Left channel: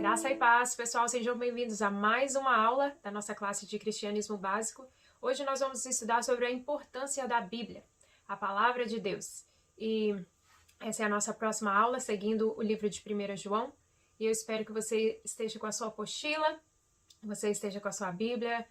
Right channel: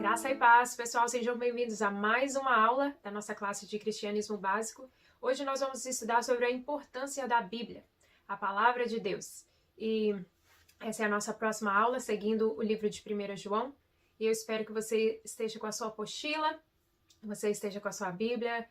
Graça e paz, pessoal, sejam bem-vindos a mais uma aula da nossa classe de Cristianismo Básico. Hoje nós vamos estudar sobre a importância da Bíblia, a Palavra de Deus. E essa é a nossa próxima aula, seguindo o livro de 1 João. E eu espero que você esteja com a sua apostila, você esteja com a sua Bíblia.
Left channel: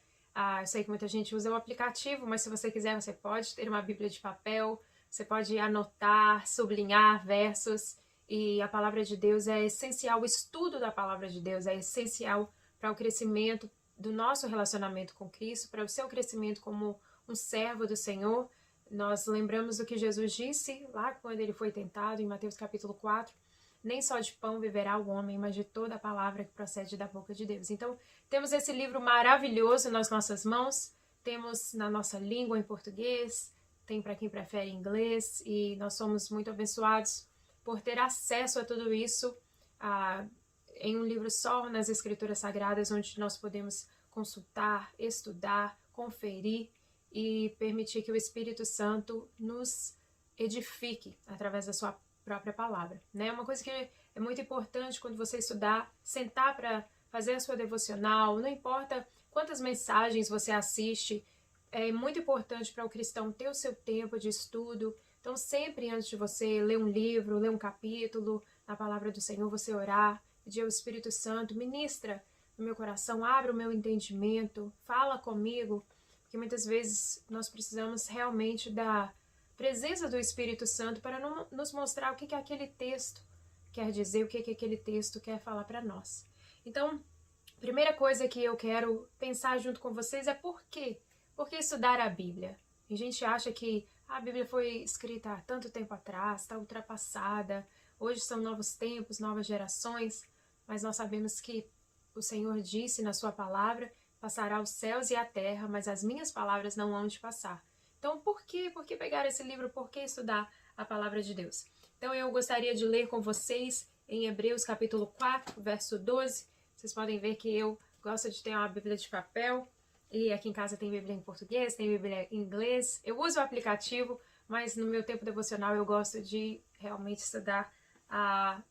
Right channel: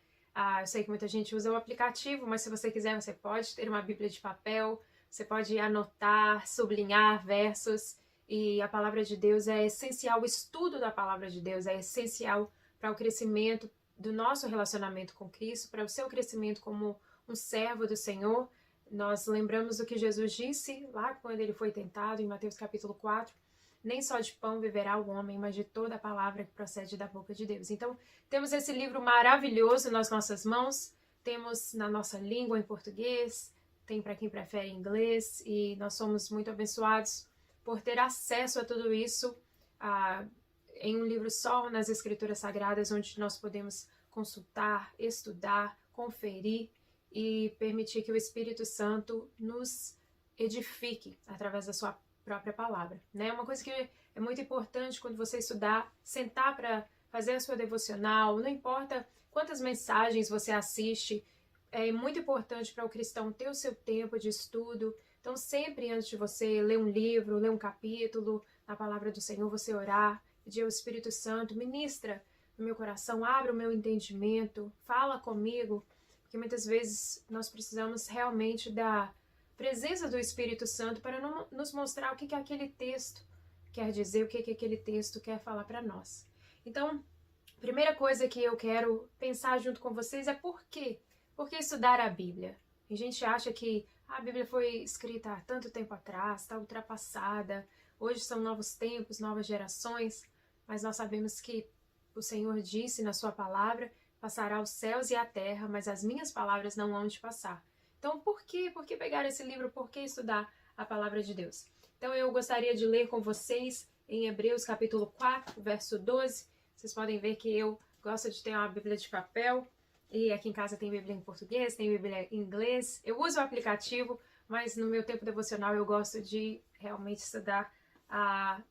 Eu sei que muita gente usa um aplicativo, mas se você quiser, você pode ter uma Bíblia de papel, você pode anotar, sublinhar versos. E a palavra de Deus é essencial, o estudo da palavra de Deus é essencial para o crescimento do nosso relacionamento com Cristo, para o seu crescimento como um servo do Senhor. Nós lembramos do que Jesus disse lá quando ele foi tentado, em Mateus capítulo 4, nem só de pão viverá o homem, mas de toda a palavra que procede da boca de Deus. Então, temos esse livro maravilhoso nas nossas mãos, temos na nossa língua em português, tem para quem prefere inglês, e nós somos muito abençoados por ter acesso a tudo isso em um livro só, nas Escrituras Sagradas, onde nós podemos consultar, estudar, conferir e permitir que o Espírito Santo nos edifique através da sua própria palavra, né? Uma coisa que é muito importante quando você estudar, sentar para fazer a sua devocional, não importa quantas mensagens você assiste, é muito importante para o cristão ter o seu tempo de estudo. Então, sempre antes de você ler um livro, ler um capítulo na palavra do Senhor, você orar, pedir ao Espírito Santo, ministra no meu coração, abra o meu entendimento, fala comigo, porque muitas vezes nós precisamos realmente da presença do Espírito Santo para nos mostrar o que aquele texto quer dizer, o que aquele texto quer falar para nós. Então, a primeira coisa que eu quero pensar junto com vocês é por quê? Por que estudar a Bíblia? A gente acha que a Bíblia foi escrita há tanto tempo atrás, está ultrapassada, hoje são novos tempos, novas gerações, mas nós sabemos que o Senhor disse na sua palavra, passará os céus e a terra, mas as minhas palavras não hão de passar. Então, por que pegar esse livro? Por que estudar a palavra de Deus? Então, eu gostaria de ler com vocês em Hebreus capítulo 4, verso 12. Vocês podem ver que eu gosto de ter uma Bíblia de papel, e aqui em casa tem Bíblia em português, tem Bíblia em inglês. Eu uso o aplicativo, mas no meu tempo devocional eu gosto de realmente estudar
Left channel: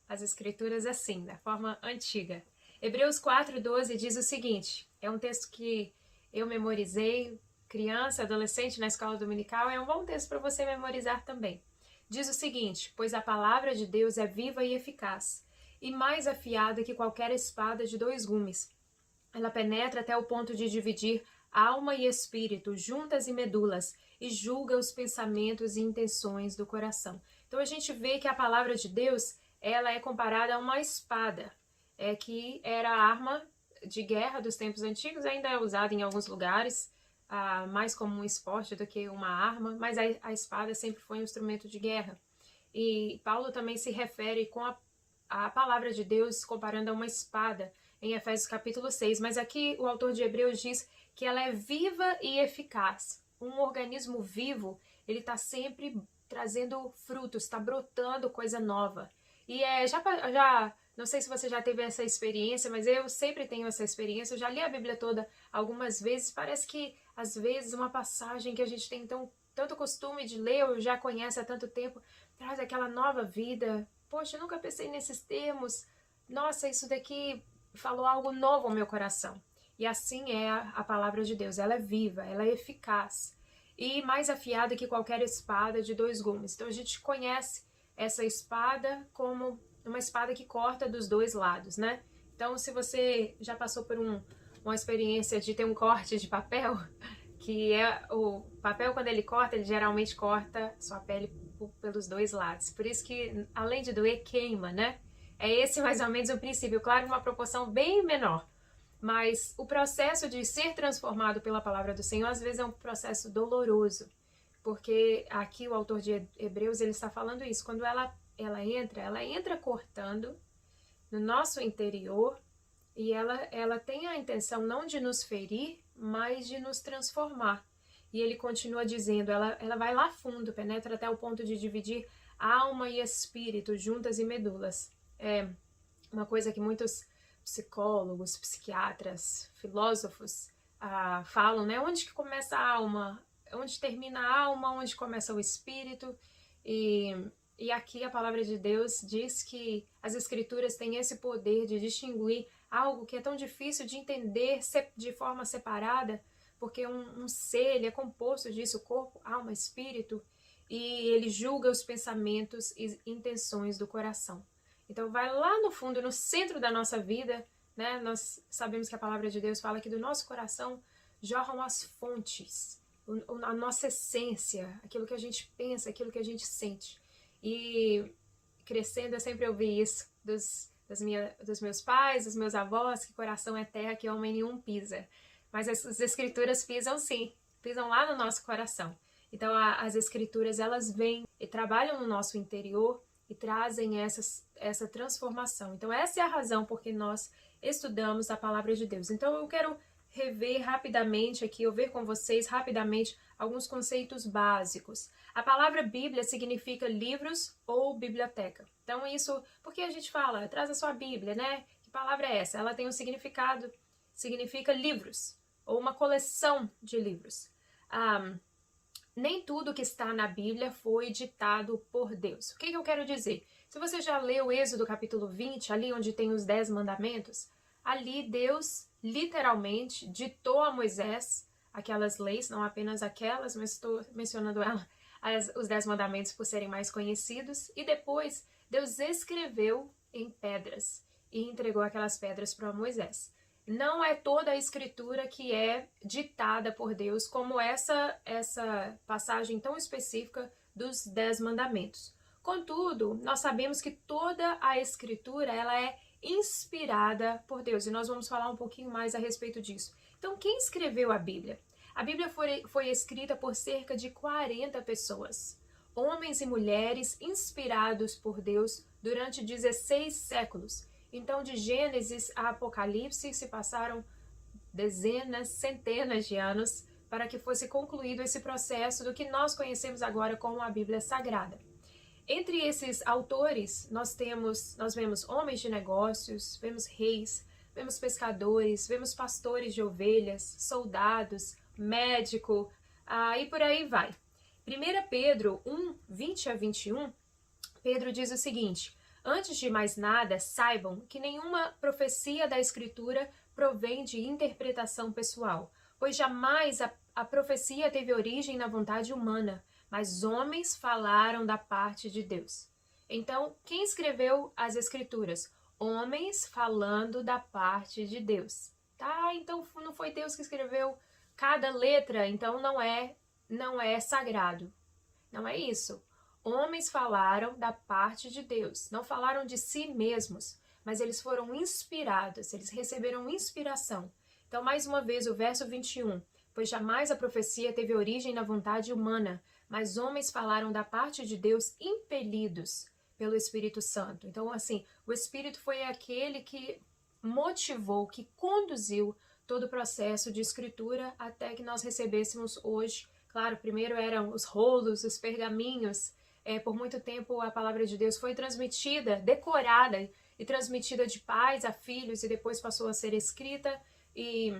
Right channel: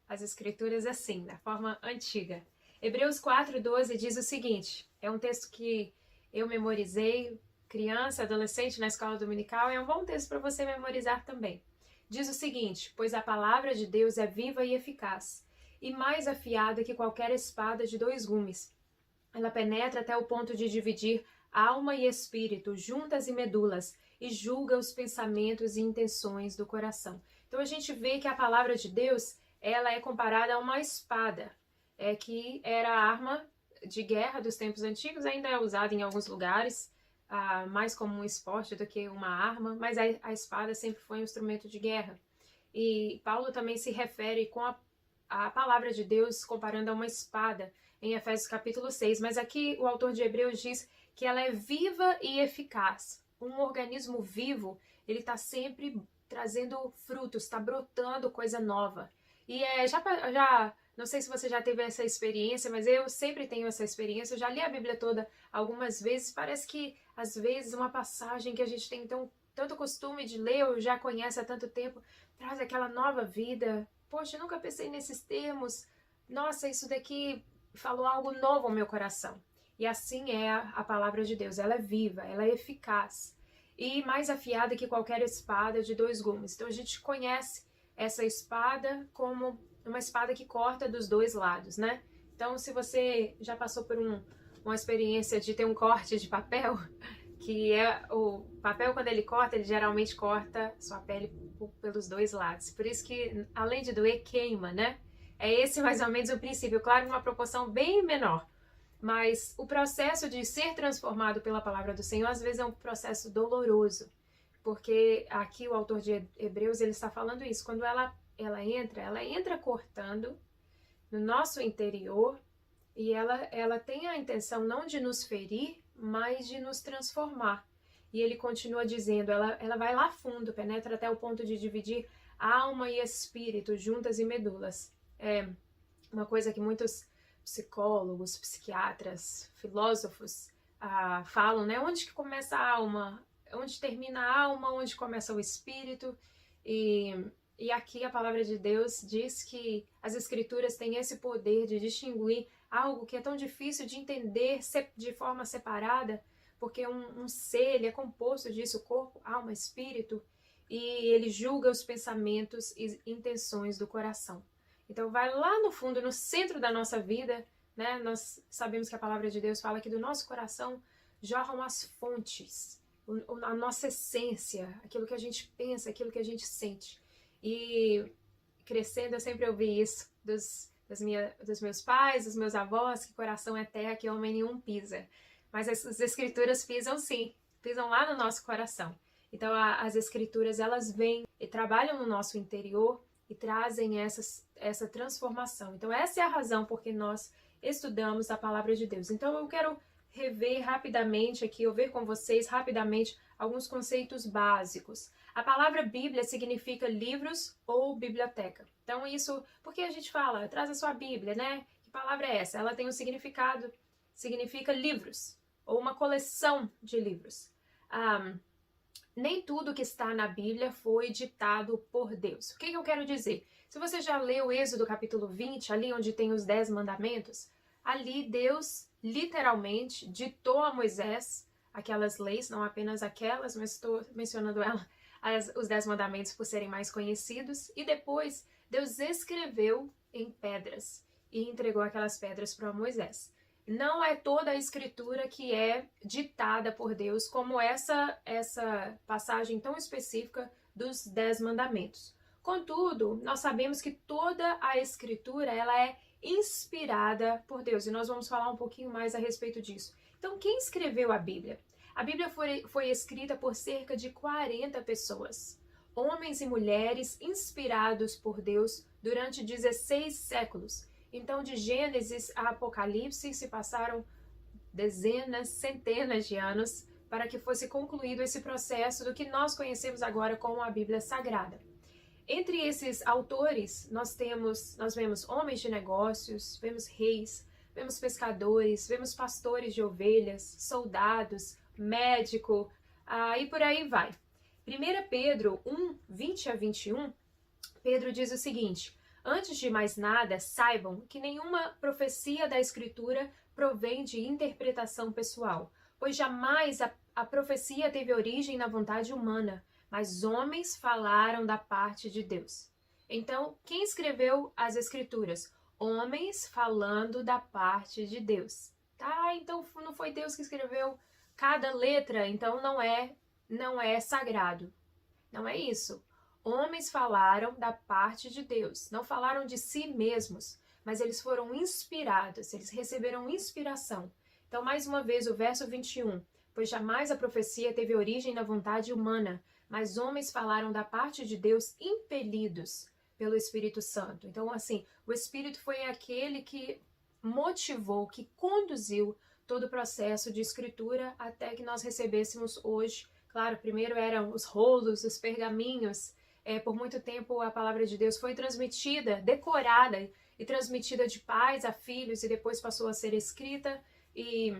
as escrituras assim, da forma antiga. Hebreus 4:12 diz o seguinte, é um texto que eu memorizei, criança, adolescente, na escola dominical, é um bom texto para você memorizar também. Diz o seguinte, pois a palavra de Deus é viva e eficaz, e mais afiada que qualquer espada de 2 gumes. Ela penetra até o ponto de dividir alma e espírito, juntas e medulas, e julga os pensamentos e intenções do coração. Então a gente vê que a palavra de Deus, ela é comparada a uma espada, que era a arma de guerra dos tempos antigos, ainda é usada em alguns lugares, mais como um esporte do que uma arma, mas a espada sempre foi um instrumento de guerra. E Paulo também se refere com a palavra de Deus comparando a uma espada, em Efésios capítulo 6, mas aqui o autor de Hebreus diz que ela é viva e eficaz. Um organismo vivo, ele está sempre trazendo frutos, está brotando coisa nova. E não sei se você já teve essa experiência, mas eu sempre tenho essa experiência. Eu já li a Bíblia toda algumas vezes. Parece que, às vezes, uma passagem que a gente tem tanto costume de ler, ou já conhece há tanto tempo, traz aquela nova vida. Poxa, eu nunca pensei nesses termos. Nossa, isso daqui falou algo novo ao meu coração. E assim é a palavra de Deus. Ela é viva, ela é eficaz. E mais afiada que qualquer espada de 2 gumes. Então a gente conhece essa espada como uma espada que corta dos 2 lados, né? Então, se você já passou por uma experiência de ter um corte de papel, que é o papel, quando ele corta, ele geralmente corta sua pele pelos 2 lados. Por isso que, além de doer, queima, né? É esse mais ou menos o princípio, claro, uma proporção bem menor. Mas o processo de ser transformado pela palavra do Senhor, às vezes é um processo doloroso. Porque aqui o autor de Hebreus, ele está falando isso. Quando ela entra cortando no nosso interior, e ela tem a intenção não de nos ferir, mas de nos transformar. E ele continua dizendo, ela vai lá fundo, penetra até o ponto de dividir alma e espírito, juntas e medulas. É uma coisa que muitos psicólogos, psiquiatras, filósofos falam, né? Onde que começa a alma? Onde termina a alma? Onde começa o espírito? E E aqui a palavra de Deus diz que as Escrituras têm esse poder de distinguir algo que é tão difícil de entender de forma separada, porque um ser, ele é composto disso, corpo, alma, espírito, e ele julga os pensamentos e intenções do coração. Então vai lá no fundo, no centro da nossa vida, né? Nós sabemos que a palavra de Deus fala que do nosso coração jorram as fontes, a nossa essência, aquilo que a gente pensa, aquilo que a gente sente. E crescendo eu sempre ouvi isso dos meus pais, dos meus avós, que coração é terra, que homem nenhum pisa. Mas as escrituras pisam sim, pisam lá no nosso coração. Então as escrituras, elas vêm e trabalham no nosso interior e trazem essa transformação. Então essa é a razão por que nós estudamos a palavra de Deus. Então eu quero rever rapidamente aqui, ou ver com vocês rapidamente alguns conceitos básicos. A palavra Bíblia significa livros ou biblioteca. Então isso, porque a gente fala, traz a sua Bíblia, né? Que palavra é essa? Ela tem um significado, significa livros, ou uma coleção de livros. Nem tudo que está na Bíblia foi ditado por Deus. O que eu quero dizer? Se você já leu Êxodo capítulo 20, ali onde tem os 10 mandamentos, ali Deus literalmente ditou a Moisés aquelas leis, não apenas aquelas, mas estou mencionando os 10 mandamentos por serem mais conhecidos, e depois Deus escreveu em pedras e entregou aquelas pedras para Moisés. Não é toda a escritura que é ditada por Deus, como essa passagem tão específica dos 10 mandamentos. Contudo, nós sabemos que toda a escritura ela é inspirada por Deus, e nós vamos falar um pouquinho mais a respeito disso. Então, quem escreveu a Bíblia? A Bíblia foi escrita por cerca de 40 pessoas, homens e mulheres inspirados por Deus durante 16 séculos. Então, de Gênesis a Apocalipse se passaram dezenas, centenas de anos para que fosse concluído esse processo do que nós conhecemos agora como a Bíblia Sagrada. Entre esses autores, nós vemos homens de negócios, vemos reis, vemos pescadores, vemos pastores de ovelhas, soldados, médico, e por aí vai. 1 Pedro 1, 20 a 21, Pedro diz o seguinte: antes de mais nada, saibam que nenhuma profecia da Escritura provém de interpretação pessoal, pois jamais a profecia teve origem na vontade humana, mas homens falaram da parte de Deus. Então, quem escreveu as Escrituras? Homens falando da parte de Deus. Tá, então não foi Deus que escreveu cada letra, então não é sagrado. Não é isso. Homens falaram da parte de Deus, não falaram de si mesmos, mas eles foram inspirados, eles receberam inspiração. Então, mais uma vez, o verso 21, pois jamais a profecia teve origem da vontade humana, mas homens falaram da parte de Deus impelidos pelo Espírito Santo. Então, assim, o Espírito foi aquele que motivou, que conduziu todo o processo de escritura até que nós recebêssemos hoje. Claro, primeiro eram os rolos, os pergaminhos. Por muito tempo a palavra de Deus foi transmitida, decorada e transmitida de pais a filhos, e depois passou a ser escrita e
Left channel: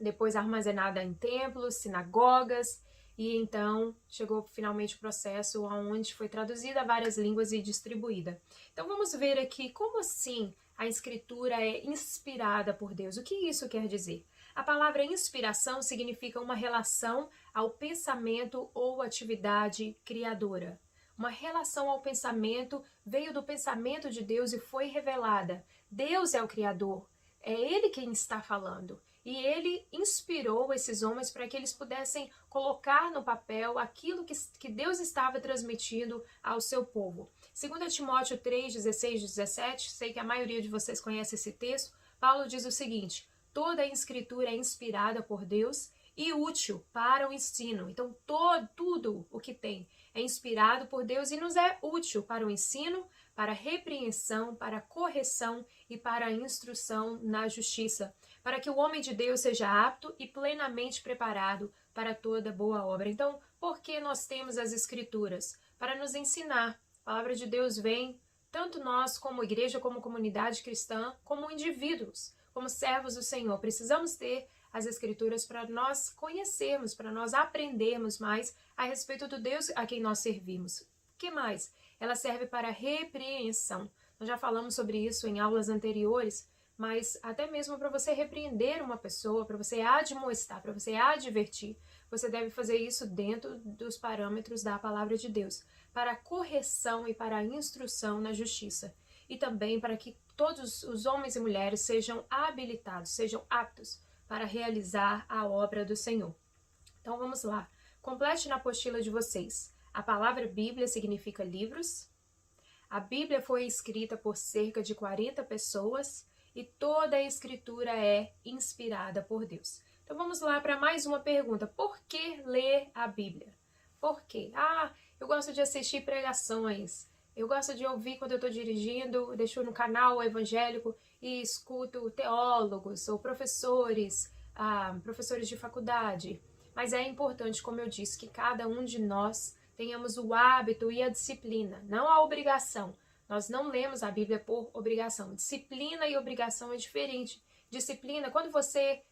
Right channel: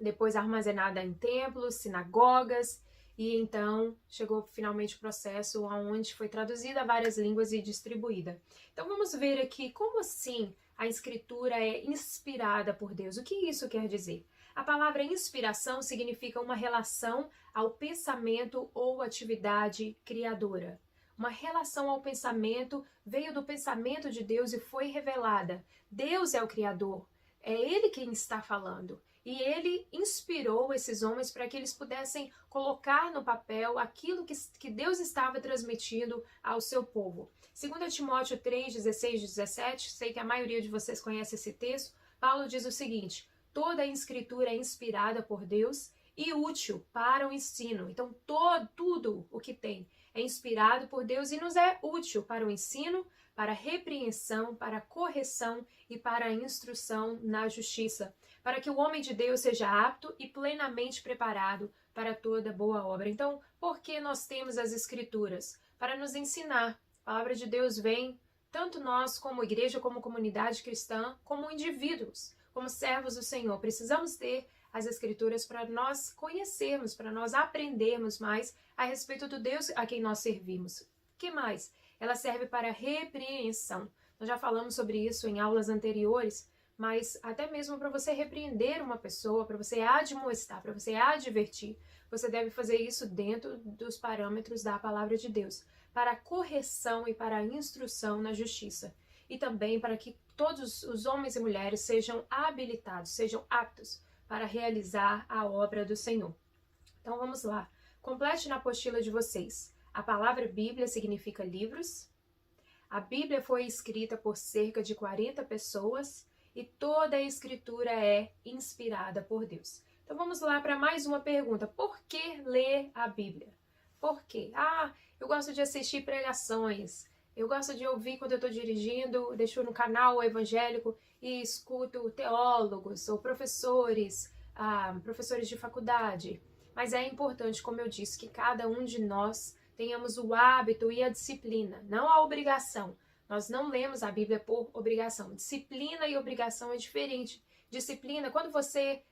depois armazenada em templos, sinagogas, e então chegou finalmente o processo onde foi traduzida a várias línguas e distribuída. Então vamos ver aqui como assim a escritura é inspirada por Deus. O que isso quer dizer? A palavra inspiração significa uma relação ao pensamento ou atividade criadora. Uma relação ao pensamento veio do pensamento de Deus e foi revelada. Deus é o Criador, é Ele quem está falando. E Ele inspirou esses homens para que eles pudessem colocar no papel aquilo que Deus estava transmitindo ao seu povo. 2 Timóteo 3, 16 e 17, sei que a maioria de vocês conhece esse texto, Paulo diz o seguinte: toda a escritura é inspirada por Deus e útil para o ensino. Então, tudo o que tem é inspirado por Deus e nos é útil para o ensino, para a repreensão, para a correção e para a instrução na justiça, para que o homem de Deus seja apto e plenamente preparado para toda boa obra. Então, por que nós temos as Escrituras? Para nos ensinar. A palavra de Deus vem, tanto nós como igreja, como comunidade cristã, como indivíduos, como servos do Senhor. Precisamos ter as Escrituras para nós conhecermos, para nós aprendermos mais a respeito do Deus a quem nós servimos. O que mais? ela serve para repreensão. Nós já falamos sobre isso em aulas anteriores, mas até mesmo para você repreender uma pessoa, para você admoestar, para você advertir, você deve fazer isso dentro dos parâmetros da palavra de Deus, para correção e para instrução na justiça, e também para que todos os homens e mulheres sejam habilitados, sejam aptos para realizar a obra do Senhor. Então vamos lá, complete na apostila de vocês. A palavra Bíblia significa livros. A Bíblia foi escrita por cerca de 40 pessoas e toda a escritura é inspirada por Deus. Então vamos lá para mais uma pergunta. Por que ler a Bíblia? Por quê? Eu gosto de assistir pregações. Eu gosto de ouvir quando eu estou dirigindo, deixo no canal evangélico e escuto teólogos ou professores, professores de faculdade. Mas é importante, como eu disse, que cada um de nós tenhamos o hábito e a disciplina, não a obrigação. Nós não lemos a Bíblia por obrigação. Disciplina e obrigação é diferente. Disciplina, quando você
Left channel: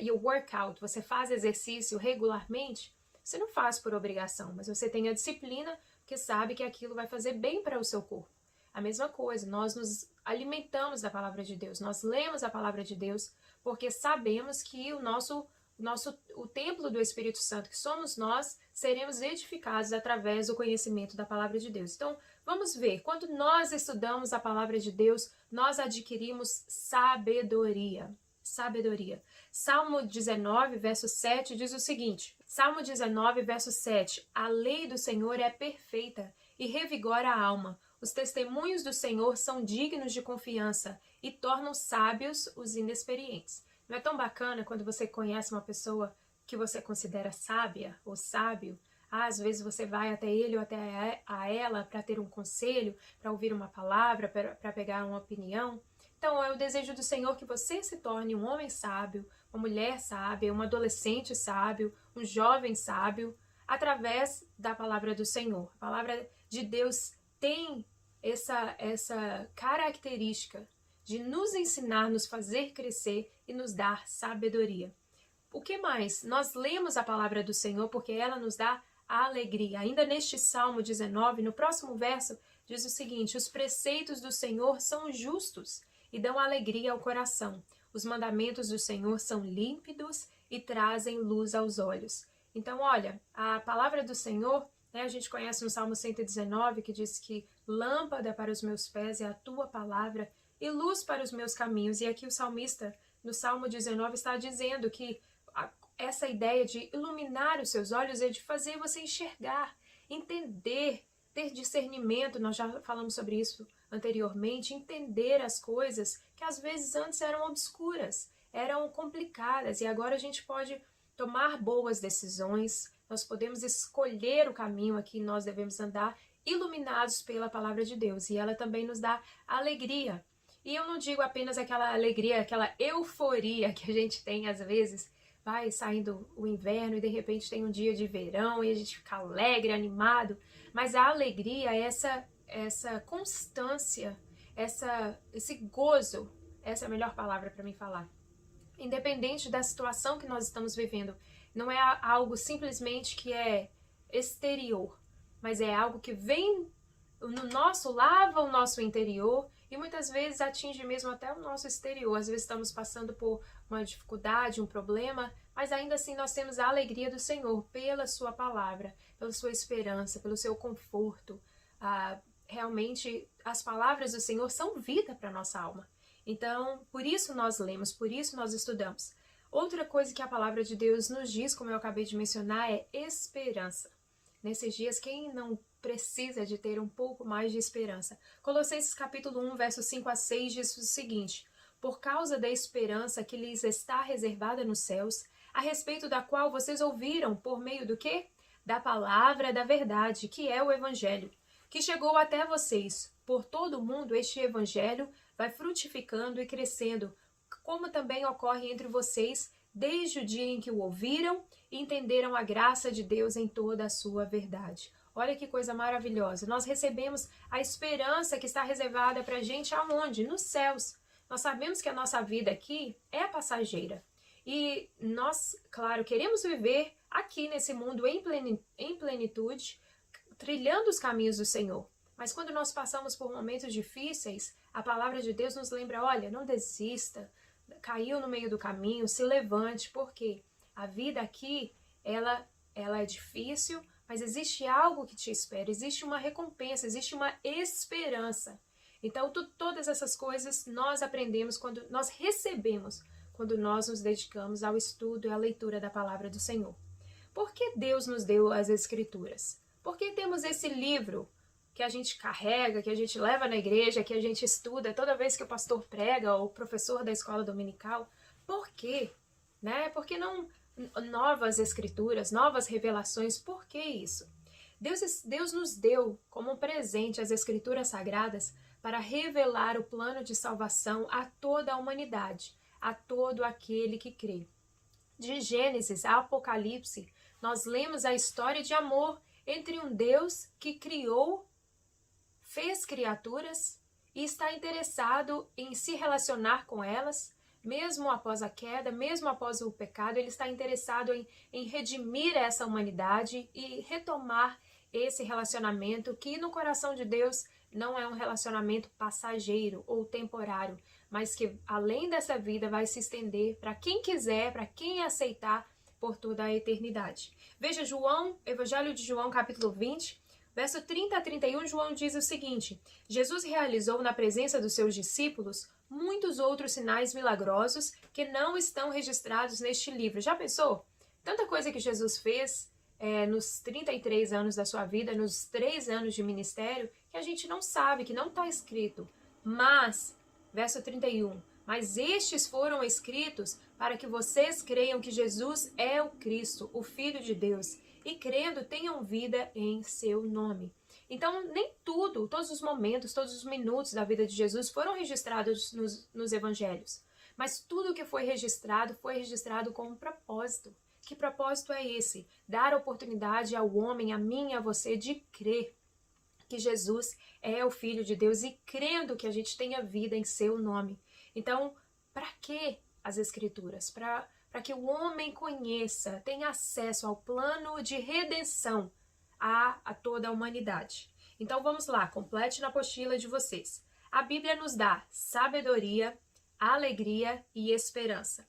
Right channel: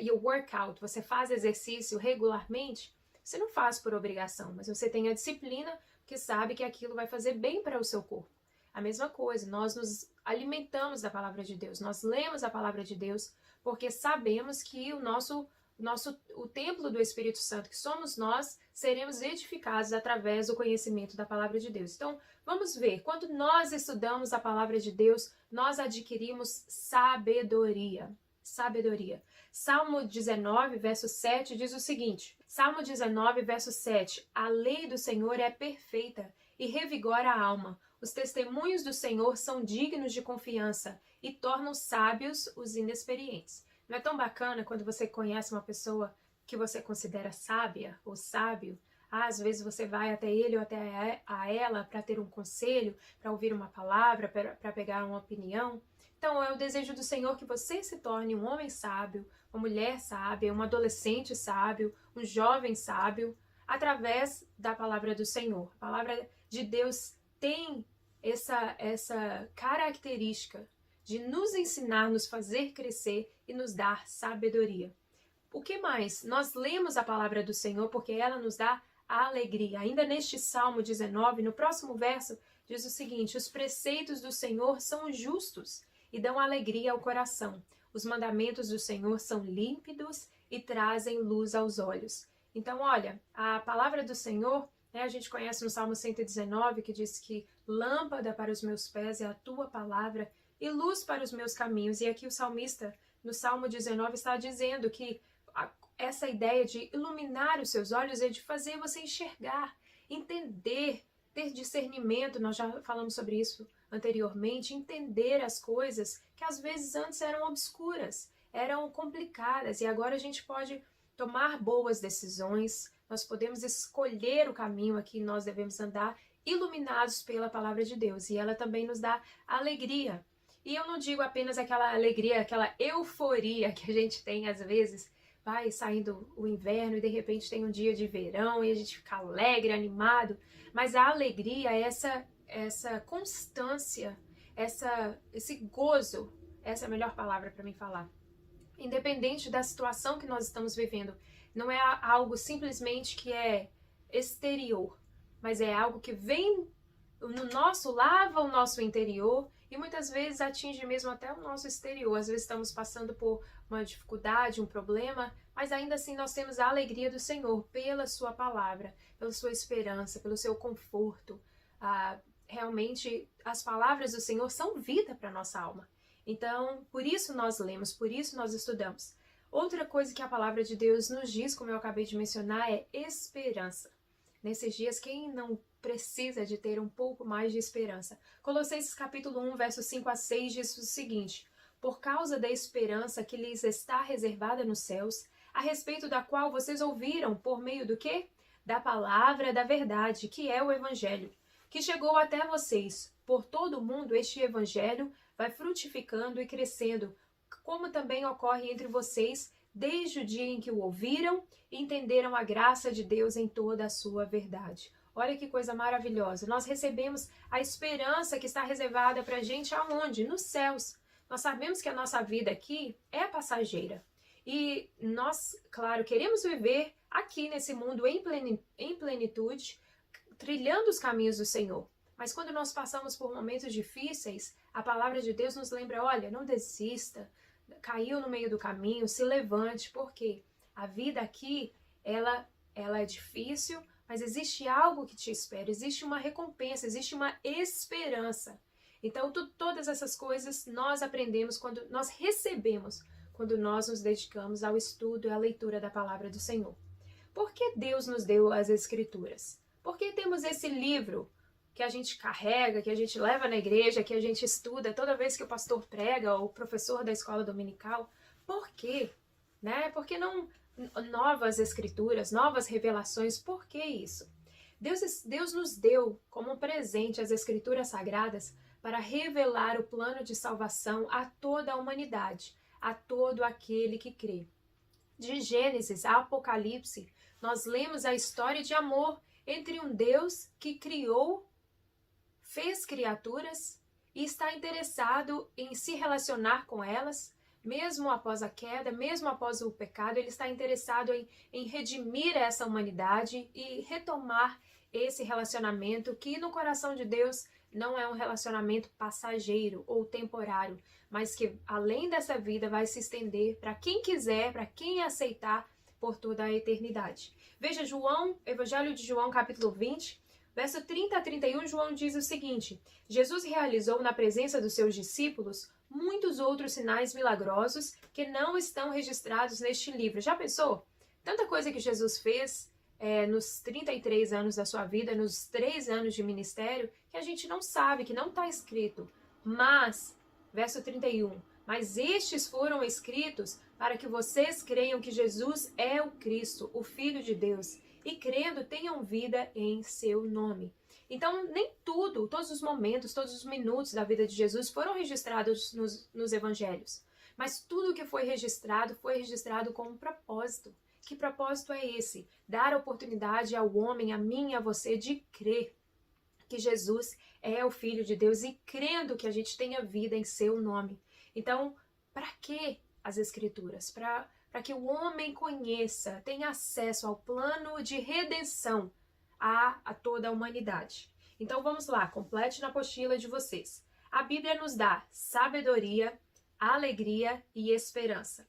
e o workout, você faz exercício regularmente, você não faz por obrigação, mas você tem a disciplina porque sabe que aquilo vai fazer bem para o seu corpo. A mesma coisa, nós nos alimentamos da palavra de Deus, nós lemos a palavra de Deus porque sabemos que o templo do Espírito Santo, que somos nós, seremos edificados através do conhecimento da palavra de Deus. Então, vamos ver, quando nós estudamos a palavra de Deus, nós adquirimos sabedoria. Sabedoria. Salmo 19, verso 7 diz o seguinte, Salmo 19, verso 7, a lei do Senhor é perfeita e revigora a alma. Os testemunhos do Senhor são dignos de confiança e tornam sábios os inexperientes. Não é tão bacana quando você conhece uma pessoa que você considera sábia ou sábio? Às vezes você vai até ele ou até a ela para ter um conselho, para ouvir uma palavra, para pegar uma opinião. Então, é o desejo do Senhor que você se torne um homem sábio, uma mulher sábia, um adolescente sábio, um jovem sábio, através da palavra do Senhor. A palavra de Deus tem essa característica de nos ensinar, nos fazer crescer e nos dar sabedoria. O que mais? Nós lemos a palavra do Senhor porque ela nos dá alegria. Ainda neste Salmo 19, no próximo verso, diz o seguinte, os preceitos do Senhor são justos e dão alegria ao coração. Os mandamentos do Senhor são límpidos e trazem luz aos olhos. Então, olha, a palavra do Senhor, a gente conhece o Salmo 119, que diz que lâmpada para os meus pés é a tua palavra e luz para os meus caminhos. E aqui o salmista, no Salmo 19, está dizendo que essa ideia de iluminar os seus olhos é de fazer você enxergar, entender, ter discernimento, nós já falamos sobre isso anteriormente, entender as coisas que às vezes antes eram obscuras, eram complicadas, e agora a gente pode tomar boas decisões, nós podemos escolher o caminho a que nós devemos andar, iluminados pela palavra de Deus, e ela também nos dá alegria. E eu não digo apenas aquela alegria, aquela euforia que a gente tem às vezes, vai saindo o inverno e de repente tem um dia de verão e a gente fica alegre, animado, mas a alegria é essa constância, esse gozo, essa é a melhor palavra para mim falar. Independente da situação que nós estamos vivendo, não é algo simplesmente que é exterior, mas é algo que vem lava o nosso interior e muitas vezes atinge mesmo até o nosso exterior. Às vezes estamos passando por uma dificuldade, um problema, mas ainda assim nós temos a alegria do Senhor pela sua palavra, pela sua esperança, pelo seu conforto. Realmente as palavras do Senhor são vida para a nossa alma. Então, por isso nós lemos, por isso nós estudamos. Outra coisa que a palavra de Deus nos diz, como eu acabei de mencionar, é esperança. Nesses dias, quem não precisa de ter um pouco mais de esperança? Colossenses capítulo 1, versos 5 a 6 diz o seguinte, por causa da esperança que lhes está reservada nos céus, a respeito da qual vocês ouviram por meio do quê? Da palavra da verdade, que é o Evangelho, que chegou até vocês. Por todo o mundo, este Evangelho vai frutificando e crescendo, como também ocorre entre vocês, desde o dia em que o ouviram e entenderam a graça de Deus em toda a sua verdade. Olha que coisa maravilhosa. Nós recebemos a esperança que está reservada para a gente aonde? Nos céus. Nós sabemos que a nossa vida aqui é passageira. E nós, claro, queremos viver aqui nesse mundo em plenitude, trilhando os caminhos do Senhor. Mas quando nós passamos por momentos difíceis, a palavra de Deus nos lembra, olha, não desista, caiu no meio do caminho, se levante, porque a vida aqui, ela é difícil, mas existe algo que te espera, existe uma recompensa, existe uma esperança. Então, todas essas coisas nós aprendemos quando nós recebemos, quando nós nos dedicamos ao estudo e à leitura da palavra do Senhor. Por que Deus nos deu as Escrituras? Por que temos esse livro que a gente carrega, que a gente leva na igreja, que a gente estuda toda vez que o pastor prega ou o professor da escola dominical? Por quê? Né? Por que não novas escrituras, novas revelações? Por que isso? Deus nos deu como um presente as escrituras sagradas para revelar o plano de salvação a toda a humanidade, a todo aquele que crê. De Gênesis a Apocalipse, nós lemos a história de amor entre um Deus que criou, fez criaturas e está interessado em se relacionar com elas, mesmo após a queda, mesmo após o pecado, ele está interessado em redimir essa humanidade e retomar esse relacionamento que no coração de Deus não é um relacionamento passageiro ou temporário, mas que além dessa vida vai se estender para quem quiser, para quem aceitar por toda a eternidade. Veja João, Evangelho de João, capítulo 20, verso 30 a 31, João diz o seguinte: Jesus realizou na presença dos seus discípulos muitos outros sinais milagrosos que não estão registrados neste livro. Já pensou? Tanta coisa que Jesus fez nos 33 anos da sua vida, nos 3 anos de ministério, que a gente não sabe, que não está escrito. Mas, verso 31, mas estes foram escritos para que vocês creiam que Jesus é o Cristo, o Filho de Deus, e crendo tenham vida em seu nome. Então, nem todos os momentos, todos os minutos da vida de Jesus foram registrados nos evangelhos. Mas tudo que foi registrado com um propósito. Que propósito é esse? Dar oportunidade ao homem, a mim e a você, de crer que Jesus é o Filho de Deus e crendo que a gente tenha vida em seu nome. Então, para que as Escrituras? Para que o homem conheça, tenha acesso ao plano de redenção a toda a humanidade. Então vamos lá, complete na apostila de vocês. A Bíblia nos dá sabedoria, alegria e esperança.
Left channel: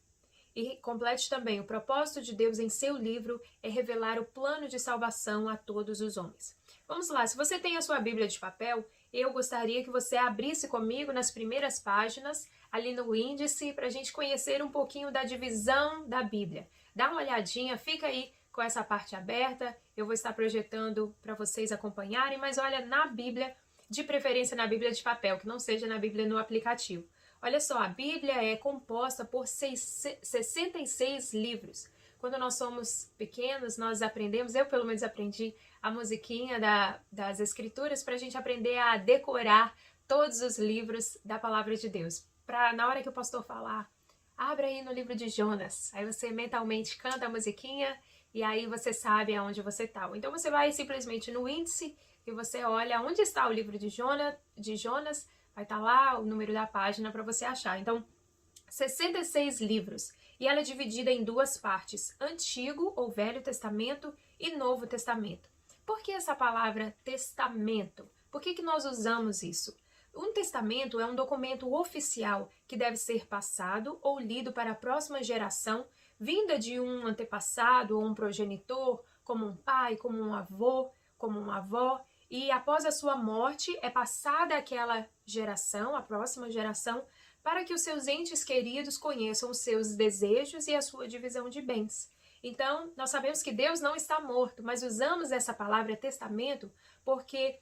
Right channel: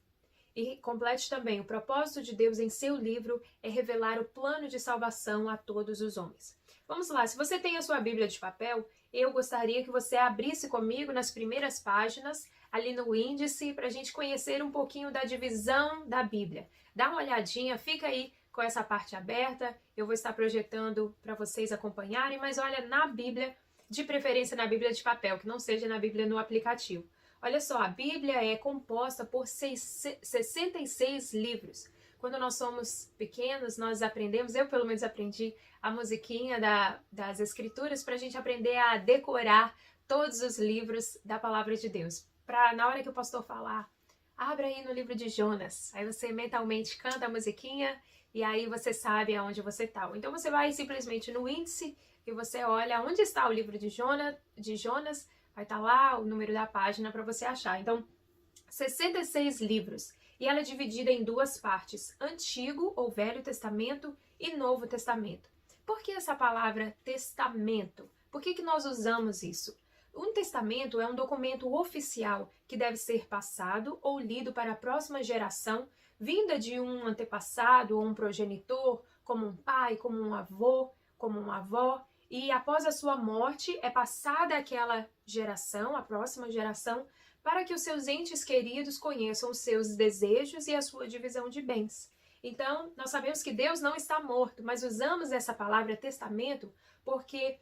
E complete também, o propósito de Deus em seu livro é revelar o plano de salvação a todos os homens. Vamos lá, se você tem a sua Bíblia de papel, eu gostaria que você abrisse comigo nas primeiras páginas, ali no índice, para a gente conhecer um pouquinho da divisão da Bíblia. Dá uma olhadinha, fica aí com essa parte aberta, eu vou estar projetando para vocês acompanharem, mas olha na Bíblia, de preferência na Bíblia de papel, que não seja na Bíblia no aplicativo. Olha só, a Bíblia é composta por 66 livros. Quando nós somos pequenos, nós aprendemos, eu pelo menos aprendi a musiquinha das Escrituras para a gente aprender a decorar todos os livros da Palavra de Deus. Para na hora que o pastor falar, abra aí no livro de Jonas, aí você mentalmente canta a musiquinha e aí você sabe aonde você está. Então você vai simplesmente no índice e você olha onde está o livro de Jonas, vai estar lá o número da página para você achar. Então, 66 livros. E ela é dividida em duas partes, Antigo ou Velho Testamento e Novo Testamento. Por que essa palavra testamento? Por que nós usamos isso? Um testamento é um documento oficial que deve ser passado ou lido para a próxima geração, vinda de um antepassado ou um progenitor, como um pai, como um avô, como uma avó, e após a sua morte é passada àquela geração, a próxima geração, para que os seus entes queridos conheçam os seus desejos e a sua divisão de bens. Então, nós sabemos que Deus não está morto, mas usamos essa palavra testamento porque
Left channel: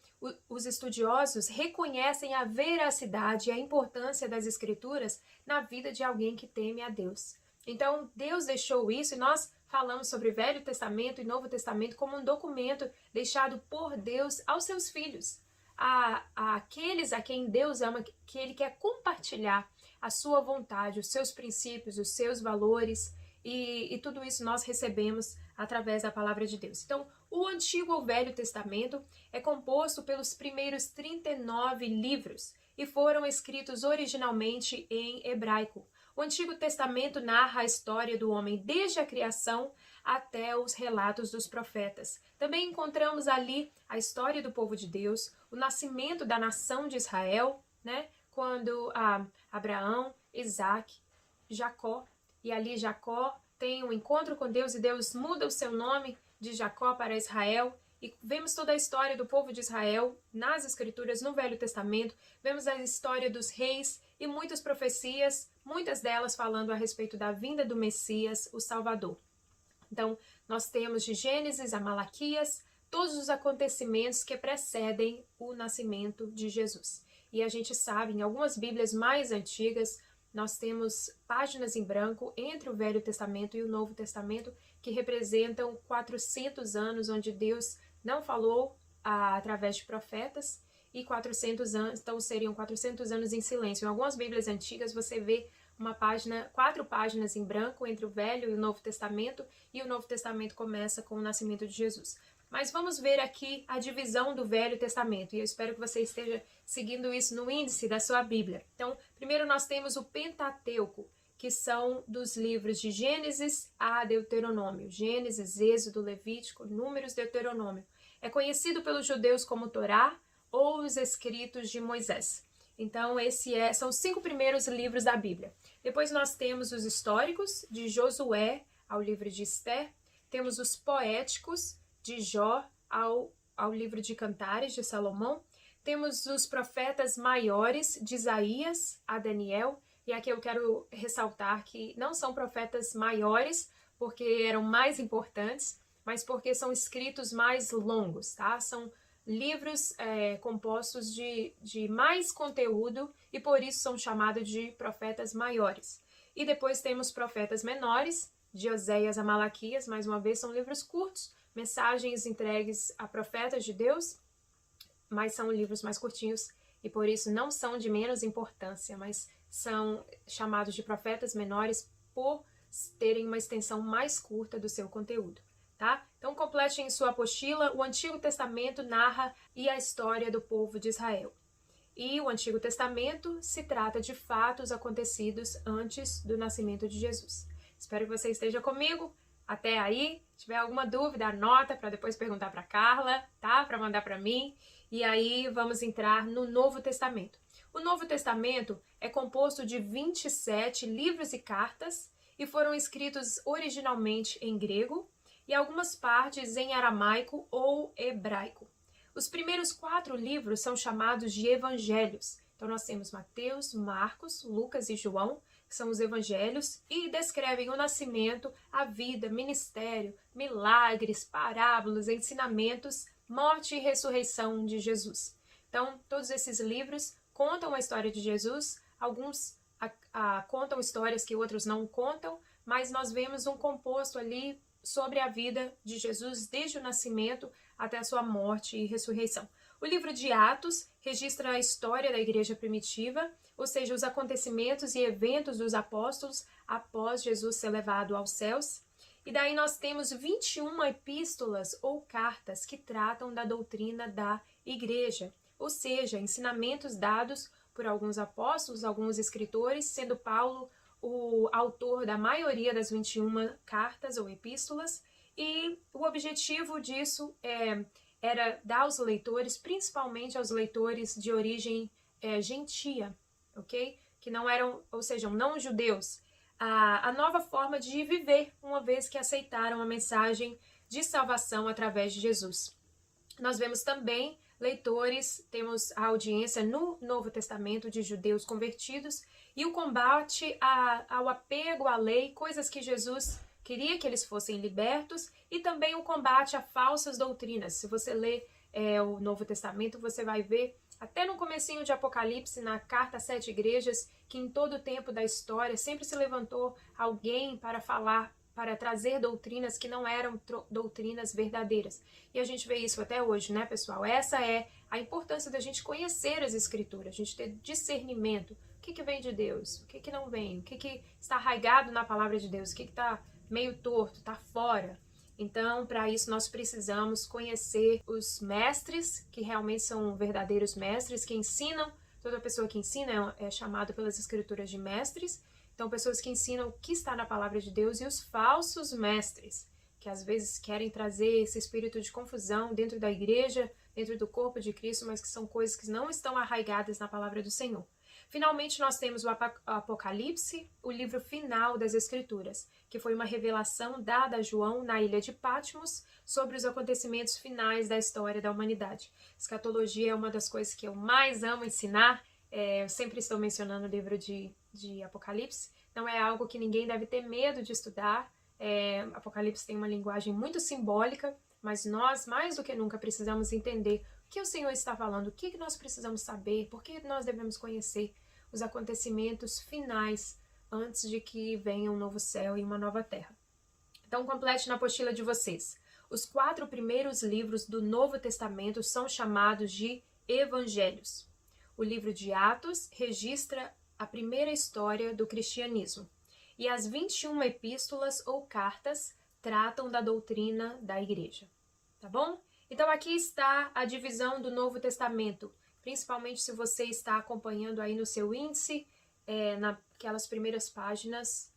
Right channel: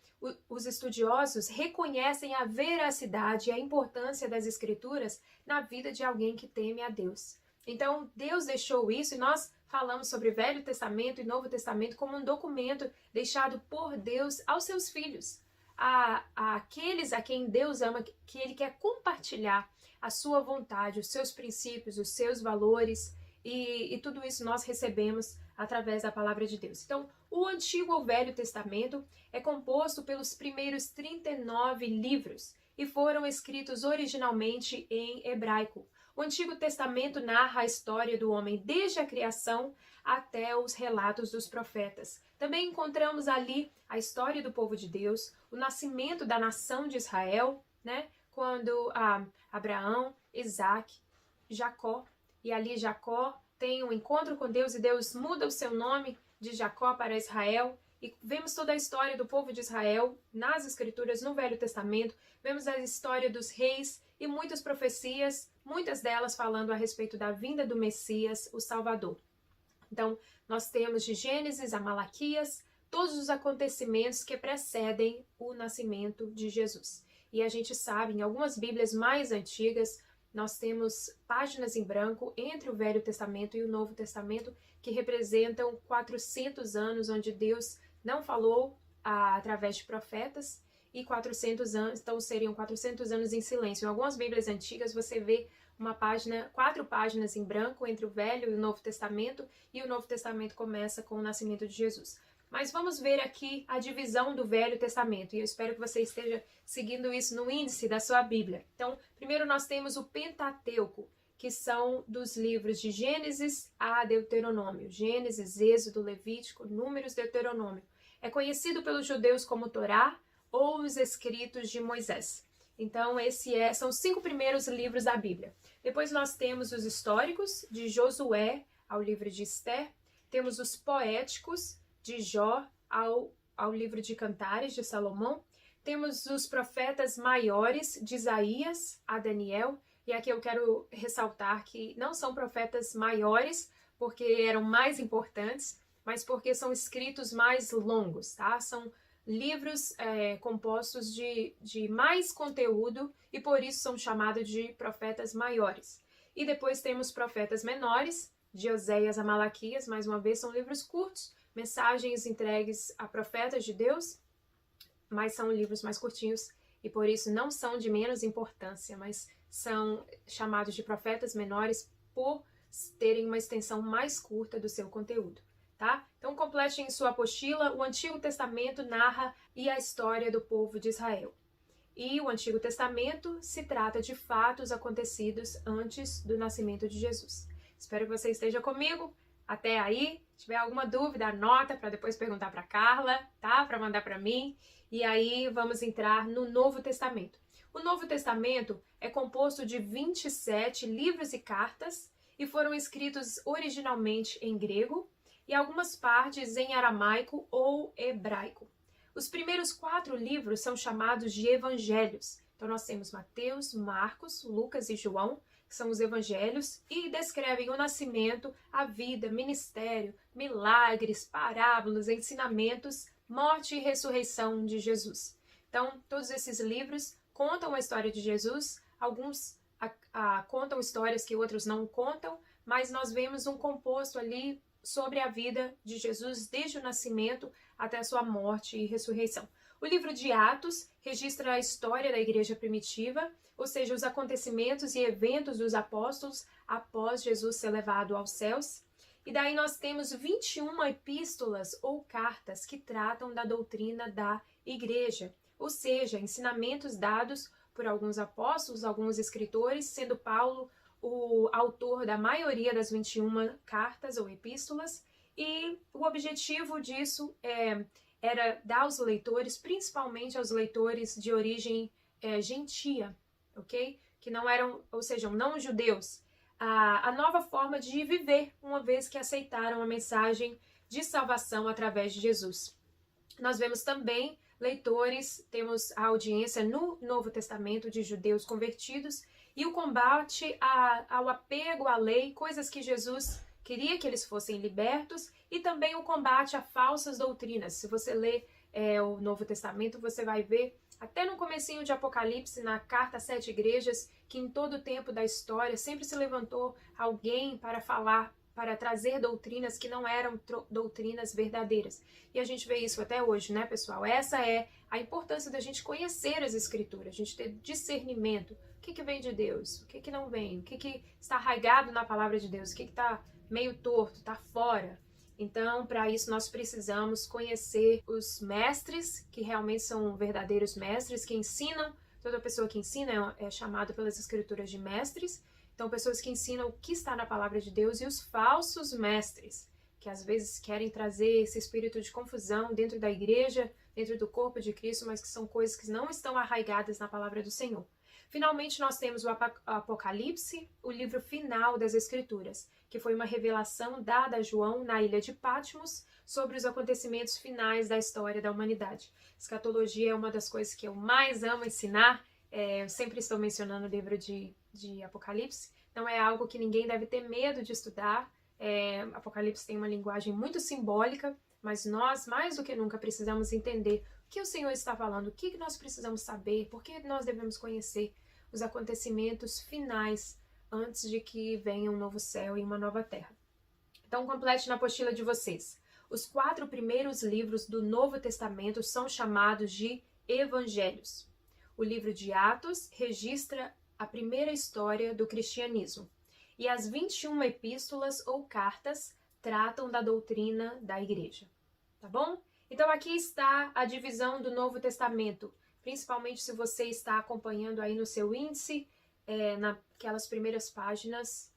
os estudiosos reconhecem a veracidade e a importância das Escrituras na vida de alguém que teme a Deus. Então, Deus deixou isso e nós falamos sobre Velho Testamento e Novo Testamento como um documento deixado por Deus aos seus filhos, àqueles a quem Deus ama, que Ele quer compartilhar a sua vontade, os seus princípios, os seus valores, e tudo isso nós recebemos através da palavra de Deus. Então, o Antigo ou Velho Testamento é composto pelos primeiros 39 livros e foram escritos originalmente em hebraico. O Antigo Testamento narra a história do homem desde a criação até os relatos dos profetas. Também encontramos ali a história do povo de Deus, o nascimento da nação de Israel, né? Quando Abraão, Isaac, Jacó, e ali Jacó tem um encontro com Deus e Deus muda o seu nome de Jacó para Israel. E vemos toda a história do povo de Israel nas Escrituras, no Velho Testamento. Vemos a história dos reis e muitas profecias, muitas delas falando a respeito da vinda do Messias, o Salvador. Então, nós temos de Gênesis a Malaquias todos os acontecimentos que precedem o nascimento de Jesus. E a gente sabe, em algumas Bíblias mais antigas, nós temos páginas em branco entre o Velho Testamento e o Novo Testamento que representam 400 anos onde Deus não falou através de profetas e 400 anos, então seriam 400 anos em silêncio. Em algumas Bíblias antigas você vê uma página, 4 páginas em branco entre o Velho e o Novo Testamento, e o Novo Testamento começa com o nascimento de Jesus. Mas vamos ver aqui a divisão do Velho Testamento, e eu espero que você esteja seguindo isso no índice da sua Bíblia. Então, primeiro nós temos o Pentateuco, que são dos livros de Gênesis a Deuteronômio. Gênesis, Êxodo, Levítico, Números, Deuteronômio. É conhecido pelos judeus como Torá ou os escritos de Moisés. Então, são os 5 primeiros livros da Bíblia. Depois nós temos os históricos, de Josué ao livro de Esther. Temos os poéticos, de Jó ao livro de Cantares, de Salomão. Temos os profetas maiores, de Isaías a Daniel. E aqui eu quero ressaltar que não são profetas maiores, porque eram mais importantes, mas porque são escritos mais longos, tá? São livros compostos de mais conteúdo e por isso são chamados de profetas maiores. E depois temos profetas menores, de Oséias a Malaquias, mais uma vez são livros curtos, mensagens entregues a profetas de Deus, mas são livros mais curtinhos e por isso não são de menos importância, mas são chamados de profetas menores por terem uma extensão mais curta do seu conteúdo. Tá? Então complete em sua apostila, o Antigo Testamento narra a história do povo de Israel. E o Antigo Testamento se trata de fatos acontecidos antes do nascimento de Jesus. Espero que você esteja comigo até aí. Se tiver alguma dúvida, anota para depois perguntar para Carla, tá? Para mandar para mim. E aí vamos entrar no Novo Testamento. O Novo Testamento é composto de 27 livros e cartas e foram escritos originalmente em grego e algumas partes em aramaico ou hebraico. Os primeiros 4 livros são chamados de evangelhos. Então nós temos Mateus, Marcos, Lucas e João, que são os evangelhos, e descrevem o nascimento, a vida, ministério, milagres, parábolas, ensinamentos, morte e ressurreição de Jesus. Então todos esses livros contam a história de Jesus, alguns contam histórias que outros não contam, mas nós vemos um composto ali sobre a vida de Jesus desde o nascimento até a sua morte e ressurreição. O livro de Atos registra a história da igreja primitiva, ou seja, os acontecimentos e eventos dos apóstolos após Jesus ser levado aos céus. E daí nós temos 21 epístolas ou cartas que tratam da doutrina da igreja, ou seja, ensinamentos dados por alguns apóstolos, alguns escritores, sendo Paulo o autor da maioria das 21 cartas ou epístolas, e o objetivo disso era dar aos leitores, principalmente aos leitores de origem gentia, ok? Que não eram, ou seja, não judeus, a nova forma de viver, uma vez que aceitaram a mensagem de salvação através de Jesus. Nós vemos também leitores, temos a audiência no Novo Testamento de judeus convertidos e o combate ao apego à lei, coisas que Jesus queria que eles fossem libertos, e também o combate a falsas doutrinas. Se você lê o Novo Testamento, você vai ver, até no comecinho de Apocalipse, na carta às 7 igrejas, que em todo o tempo da história sempre se levantou alguém para falar, para trazer doutrinas que não eram doutrinas verdadeiras. E a gente vê isso até hoje, né, pessoal? Essa é a importância da gente conhecer as Escrituras, a gente ter discernimento. O que vem de Deus? O que não vem? O que está arraigado na palavra de Deus? O que está meio torto, está fora? Então, para isso, nós precisamos conhecer os mestres, que realmente são verdadeiros mestres, que ensinam. Toda pessoa que ensina é chamada pelas Escrituras de mestres. Então, pessoas que ensinam o que está na palavra de Deus, e os falsos mestres, que às vezes querem trazer esse espírito de confusão dentro da igreja, dentro do corpo de Cristo, mas que são coisas que não estão arraigadas na palavra do Senhor. Finalmente, nós temos o Apocalipse, o livro final das Escrituras, que foi uma revelação dada a João na ilha de Patmos sobre os acontecimentos finais da história da humanidade. Escatologia é uma das coisas que eu mais amo ensinar. Eu sempre estou mencionando o livro de Apocalipse. Não é algo que ninguém deve ter medo de estudar. Apocalipse tem uma linguagem muito simbólica, mas nós, mais do que nunca, precisamos entender o que o Senhor está falando, o que nós precisamos saber, por que nós devemos conhecer os acontecimentos finais antes de que venha um novo céu e uma nova terra. Então, complete na apostila de vocês. Os 4 primeiros livros do Novo Testamento são chamados de evangelhos. O livro de Atos registra a primeira história do cristianismo. E as 21 epístolas ou cartas tratam da doutrina da igreja. Tá bom? Então aqui está a divisão do Novo Testamento, principalmente se você está acompanhando aí no seu índice, naquelas primeiras páginas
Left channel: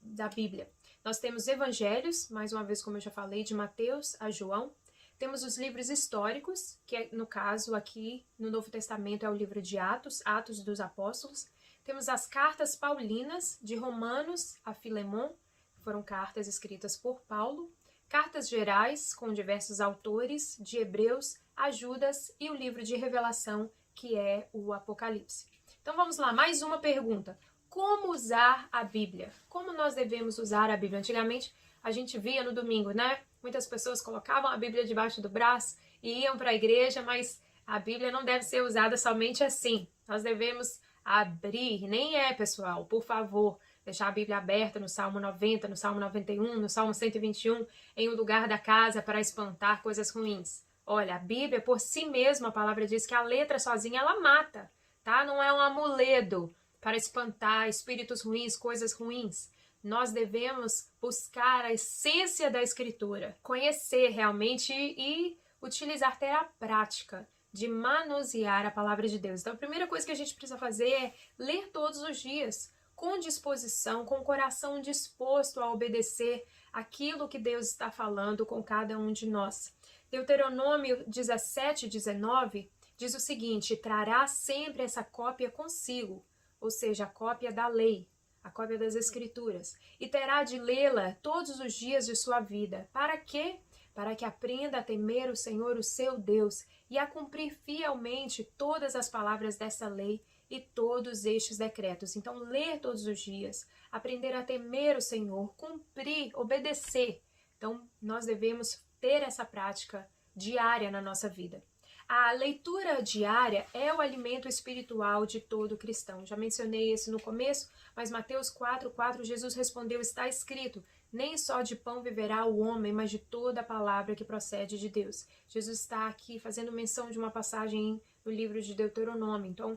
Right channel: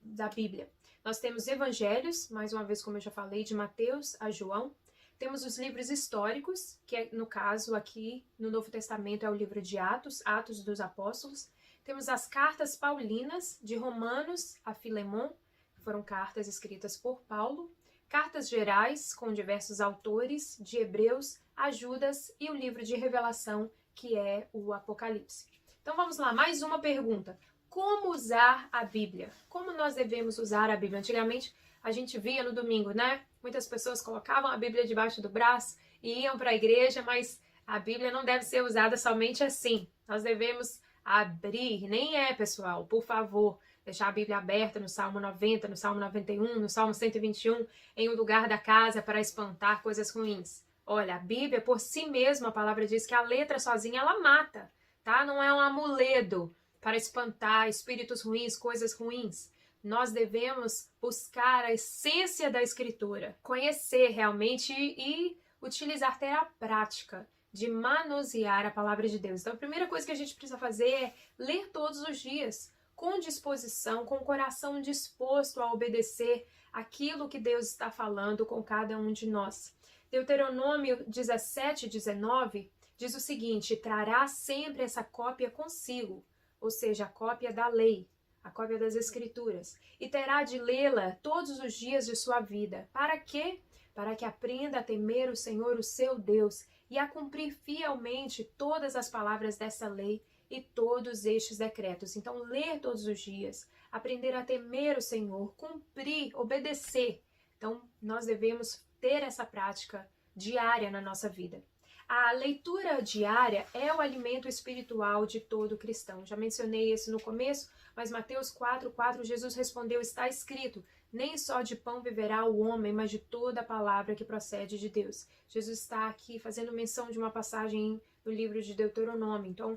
da Bíblia. Nós temos evangelhos, mais uma vez como eu já falei, de Mateus a João. Temos os livros históricos, que no caso aqui no Novo Testamento é o livro de Atos, Atos dos Apóstolos. Temos as cartas paulinas, de Romanos a Filemon, que foram cartas escritas por Paulo. Cartas gerais, com diversos autores, de Hebreus a Judas, e o livro de Revelação, que é o Apocalipse. Então vamos lá, mais uma pergunta. Como usar a Bíblia? Como nós devemos usar a Bíblia? Antigamente a gente via no domingo, né? Muitas pessoas colocavam a Bíblia debaixo do braço e iam para a igreja, mas a Bíblia não deve ser usada somente assim. Nós devemos abrir, nem pessoal, por favor, deixar a Bíblia aberta no Salmo 90, no Salmo 91, no Salmo 121, em um lugar da casa para espantar coisas ruins. Olha, a Bíblia por si mesma, a palavra diz que a letra sozinha ela mata, tá? Não é um amuleto para espantar espíritos ruins, coisas ruins. Nós devemos buscar a essência da Escritura, conhecer realmente e utilizar, ter a prática de manusear a palavra de Deus. Então, a primeira coisa que a gente precisa fazer é ler todos os dias, com disposição, com o coração disposto a obedecer aquilo que Deus está falando com cada um de nós. Deuteronômio 17:19 diz o seguinte: trará sempre essa cópia consigo, ou seja, a cópia da lei, a cópia das Escrituras, e terá de lê-la todos os dias de sua vida. Para quê? Para que aprenda a temer o Senhor, o seu Deus, e a cumprir fielmente todas as palavras dessa lei e todos estes decretos. Então, ler todos os dias, aprender a temer o Senhor, cumprir, obedecer. Então, nós devemos ter essa prática diária na nossa vida. A leitura diária é o alimento espiritual de todo cristão. Já mencionei isso no começo, mas Mateus 4:4, Jesus respondeu: está escrito, nem só de pão viverá o homem, mas de toda a palavra que procede de Deus. Jesus está aqui fazendo menção de uma passagem no livro de Deuteronômio. Então,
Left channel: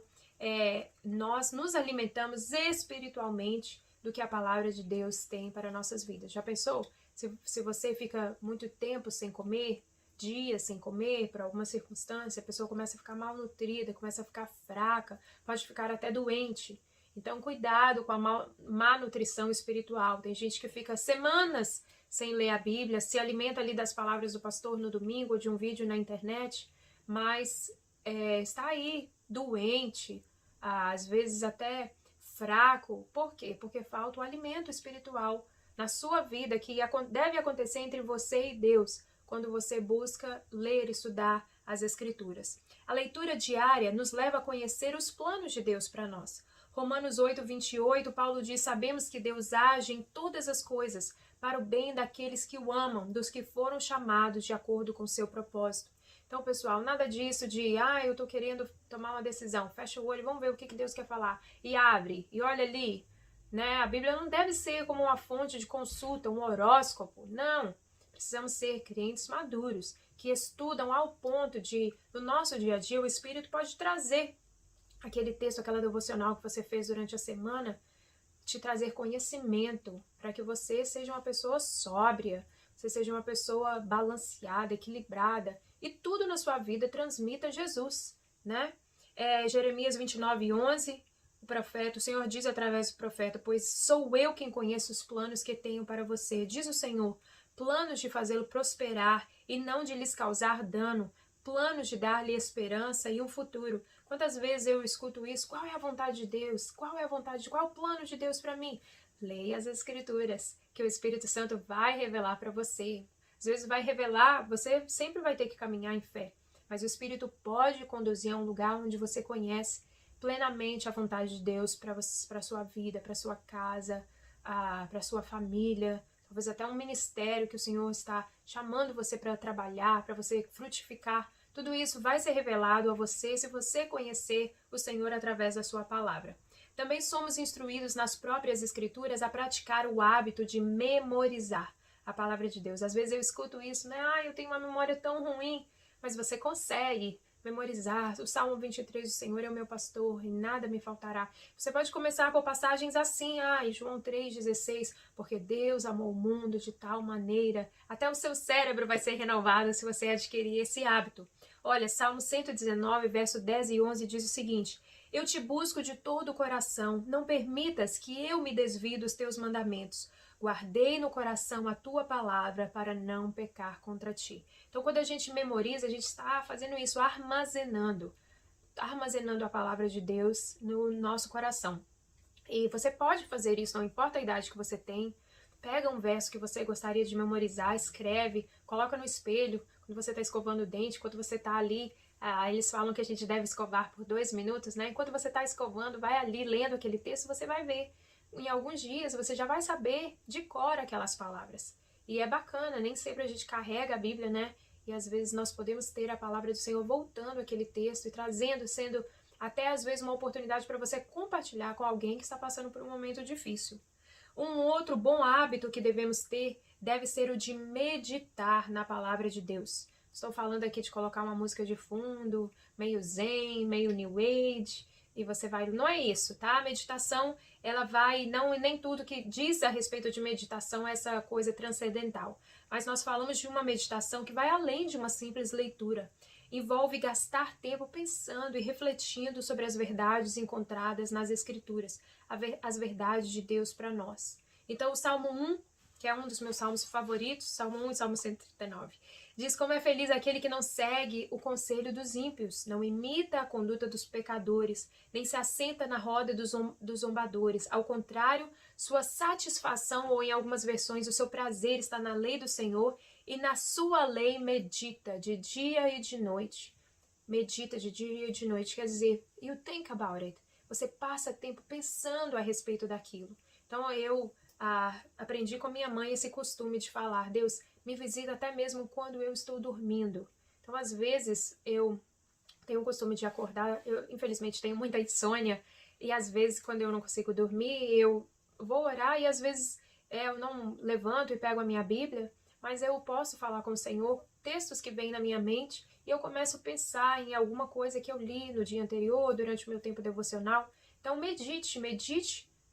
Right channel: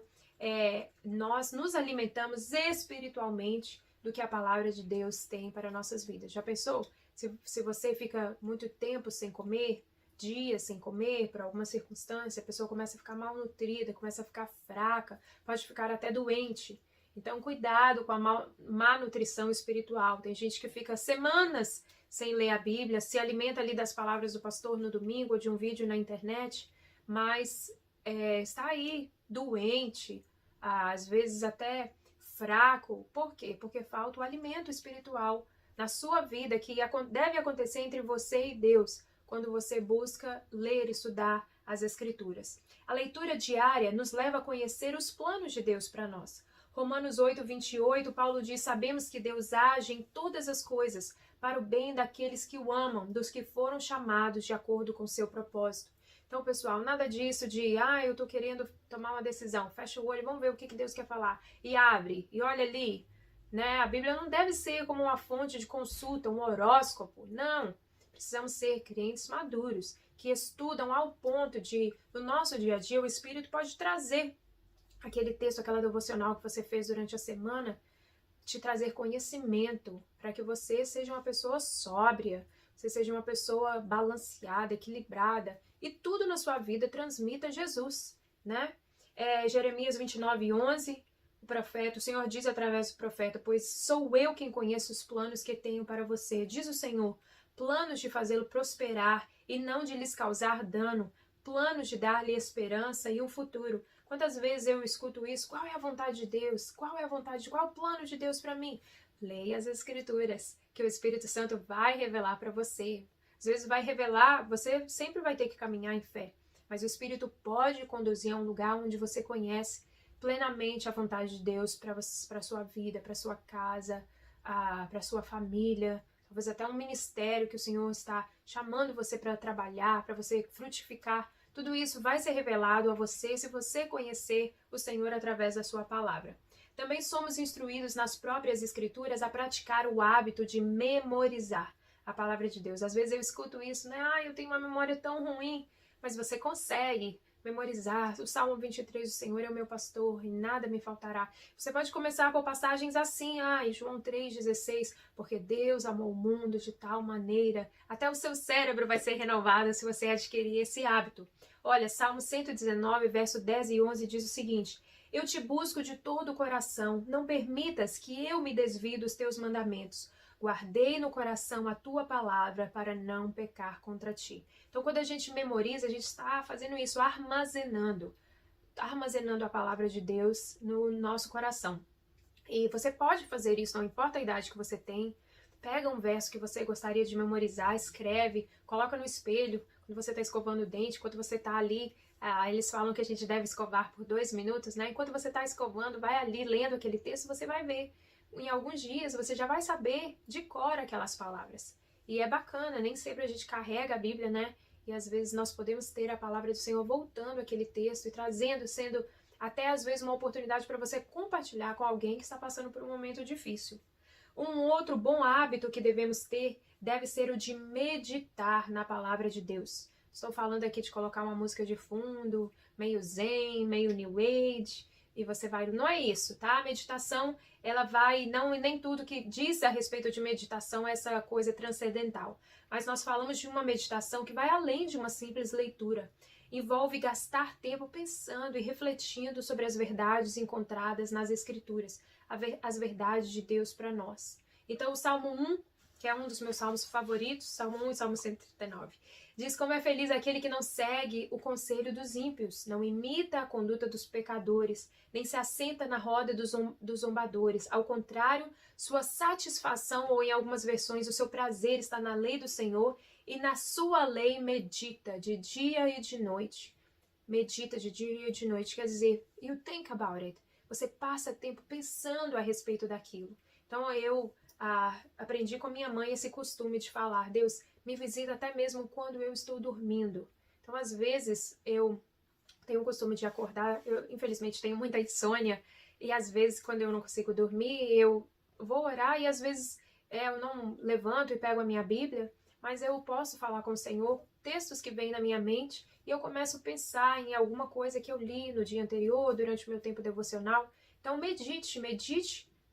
nós nos alimentamos espiritualmente do que a palavra de Deus tem para nossas vidas. Já pensou? Se você fica muito tempo sem comer, dias sem comer, por alguma circunstância, a pessoa começa a ficar malnutrida, começa a ficar fraca, pode ficar até doente. Então, cuidado com a má nutrição espiritual. Tem gente que fica semanas sem ler a Bíblia, se alimenta ali das palavras do pastor no domingo, ou de um vídeo na internet, mas está aí doente, às vezes até fraco. Por quê? Porque falta o alimento espiritual na sua vida, que deve acontecer entre você e Deus, quando você busca ler e estudar as Escrituras. A leitura diária nos leva a conhecer os planos de Deus para nós. Romanos 8:28, Paulo diz: sabemos que Deus age em todas as coisas para o bem daqueles que o amam, dos que foram chamados de acordo com seu propósito. Então, pessoal, nada disso de, eu tô querendo tomar uma decisão, fecha o olho, vamos ver o que Deus quer falar, e abre, e olha ali, né? A Bíblia não deve ser como uma fonte de consulta, um horóscopo, não. Precisamos ser crentes maduros, que estudam ao ponto de, no nosso dia a dia, o Espírito pode trazer aquele texto, aquela devocional que você fez durante a semana, te trazer conhecimento, para que você seja uma pessoa sóbria, você seja uma pessoa balanceada, equilibrada, e tudo na sua vida transmita Jesus, né? Jeremias 29:11, o Senhor diz através do profeta: pois sou eu quem conheço os planos que tenho para você, diz o Senhor, planos de fazê-lo prosperar e não de lhes causar dano, planos de dar-lhe esperança e um futuro. Quantas vezes eu escuto isso? Qual é a vontade de Deus? Qual é a vontade? Qual é o plano de Deus para mim? Leia as Escrituras, que o Espírito Santo vai revelar para você. Às vezes vai revelar, você sempre vai ter que caminhar em fé, mas o Espírito pode conduzir a um lugar onde você conhece plenamente a vontade de Deus para a sua vida, para a sua casa, para a sua família, talvez até um ministério que o Senhor está chamando você para trabalhar, para você frutificar. Tudo isso vai ser revelado a você se você conhecer o Senhor através da sua palavra. Também somos instruídos nas próprias Escrituras a praticar o hábito de memorizar a palavra de Deus. Às vezes eu escuto isso, né? Eu tenho uma memória tão ruim, mas você consegue memorizar. O Salmo 23, o Senhor é o meu pastor e nada me faltará. Você pode começar por passagens assim, João 3,16, porque Deus amou o mundo de tal maneira. Até o seu cérebro vai ser renovado se você adquirir esse hábito. Olha, Salmo 119, verso 10 e 11 diz o seguinte: eu te busco de todo o coração, não permitas que eu me desvie dos teus mandamentos. Guardei no coração a tua palavra para não pecar contra ti. Então, quando a gente memoriza, a gente está fazendo isso, armazenando a palavra de Deus no nosso coração. E você pode fazer isso, não importa a idade que você tem. Pega um verso que você gostaria de memorizar, escreve, coloca no espelho, quando você está escovando o dente, quando você está ali. Eles falam que a gente deve escovar por 2 minutos, né? Enquanto você está escovando, vai ali lendo aquele texto, você vai ver. Em alguns dias você já vai saber de cor aquelas palavras. E é bacana, nem sempre a gente carrega a Bíblia, né? E às vezes nós podemos ter a palavra do Senhor voltando aquele texto e trazendo, sendo até às vezes uma oportunidade para você compartilhar com alguém que está passando por um momento difícil. Um outro bom hábito que devemos ter deve ser o de meditar na palavra de Deus. Estou falando aqui de colocar uma música de fundo, meio zen, meio new age, e você vai... Não é isso, tá? A meditação, ela vai... Não, nem tudo que diz a respeito de meditação é essa coisa transcendental. Mas nós falamos de uma meditação que vai além de uma simples leitura. Envolve gastar tempo pensando e refletindo sobre as verdades encontradas nas Escrituras, as verdades de Deus para nós. Então, o Salmo 1, que é um dos meus salmos favoritos, Salmo 1 e Salmo 139, diz como é feliz aquele que não segue o conselho dos ímpios, não imita a conduta dos pecadores, nem se assenta na roda dos zombadores. Ao contrário, sua satisfação, ou em algumas versões, o seu prazer está na lei do Senhor, e na sua lei medita de dia e de noite. Medita de dia e de noite, quer dizer, you think about it. Você passa tempo pensando a respeito daquilo. Então eu aprendi com a minha mãe esse costume de falar: Deus, me visita até mesmo quando eu estou dormindo. Então às vezes eu tenho o costume de acordar, eu infelizmente tenho muita insônia, e às vezes quando eu não consigo dormir, eu vou orar e às vezes eu não levanto e pego a minha Bíblia, mas eu posso falar com o Senhor, textos que vêm na minha mente, e eu começo a pensar em alguma coisa que eu li no dia anterior, durante o meu tempo devocional. Então medite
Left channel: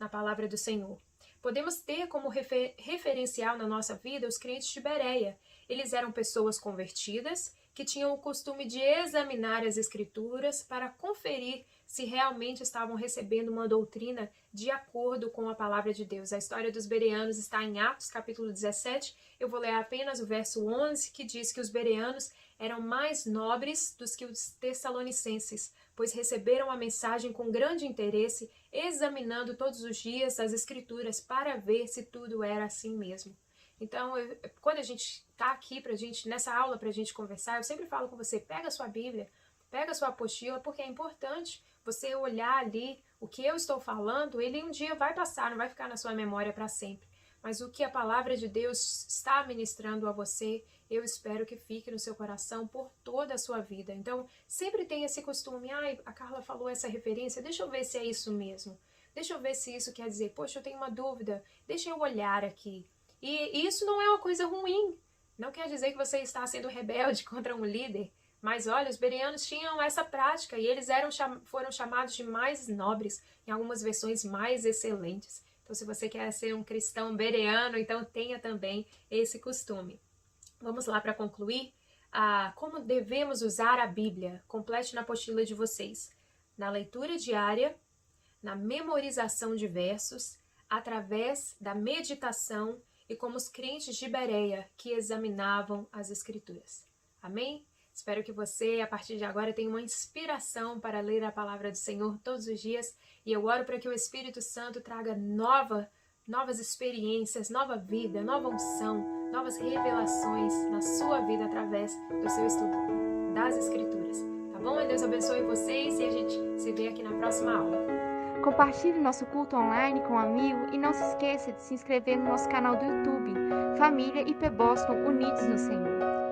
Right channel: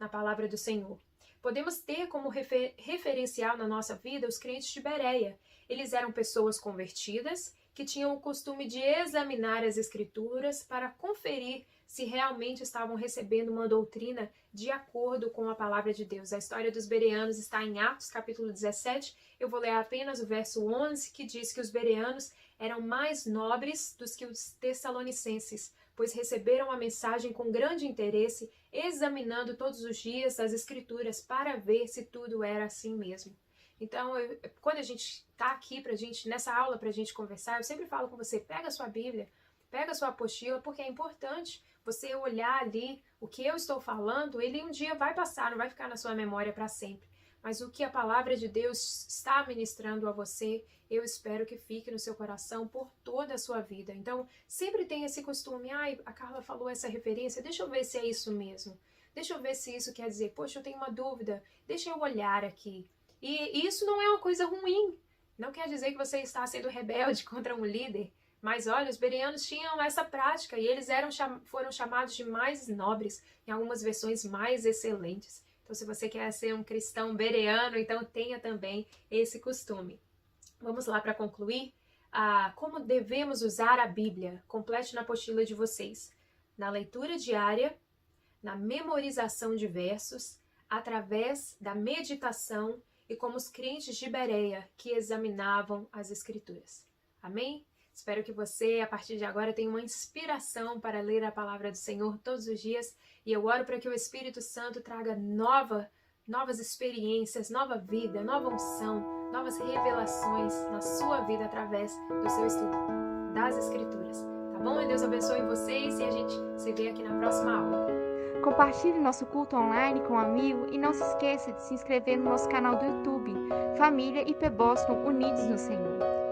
na palavra do Senhor. Podemos ter como referencial na nossa vida os crentes de Bereia. Eles eram pessoas convertidas que tinham o costume de examinar as Escrituras para conferir se realmente estavam recebendo uma doutrina de acordo com a palavra de Deus. A história dos bereanos está em Atos, capítulo 17. Eu vou ler apenas o verso 11, que diz que os bereanos eram mais nobres do que os tessalonicenses, pois receberam a mensagem com grande interesse, examinando todos os dias as Escrituras para ver se tudo era assim mesmo. Então, quando a gente está aqui nessa aula para a gente conversar, eu sempre falo com você: pega a sua Bíblia, pega a sua apostila, porque é importante você olhar ali o que eu estou falando. Ele um dia vai passar, não vai ficar na sua memória para sempre. Mas o que a palavra de Deus está ministrando a você, eu espero que fique no seu coração por toda a sua vida. Então, sempre tem esse costume: a Carla falou essa referência, deixa eu ver se é isso mesmo. Deixa eu ver se isso quer dizer, poxa, eu tenho uma dúvida, deixa eu olhar aqui. E isso não é uma coisa ruim. Não quer dizer que você está sendo rebelde contra um líder. Mas olha, os bereanos tinham essa prática e eles foram chamados de mais nobres, em algumas versões mais excelentes. Então, se você quer ser um cristão bereano, então tenha também esse costume. Vamos lá para concluir. Como devemos usar a Bíblia? Complete na apostila de vocês. Na leitura diária, na memorização de versos, através da meditação e como os crentes de Bereia que examinavam as Escrituras. Amém? Espero que você, a partir de agora, tenha uma inspiração para ler a palavra do Senhor todos os dias e eu oro para que o Espírito Santo traga novas experiências, nova vida, nova unção, novas revelações na sua vida através do seu estudo das Escrituras. Tá bom? Deus abençoe vocês e a gente se vê aqui na próxima aula. Compartilhe nosso culto online com um amigo e não se esqueça de se inscrever no nosso canal do YouTube, Família IP Boston Unidos no Senhor.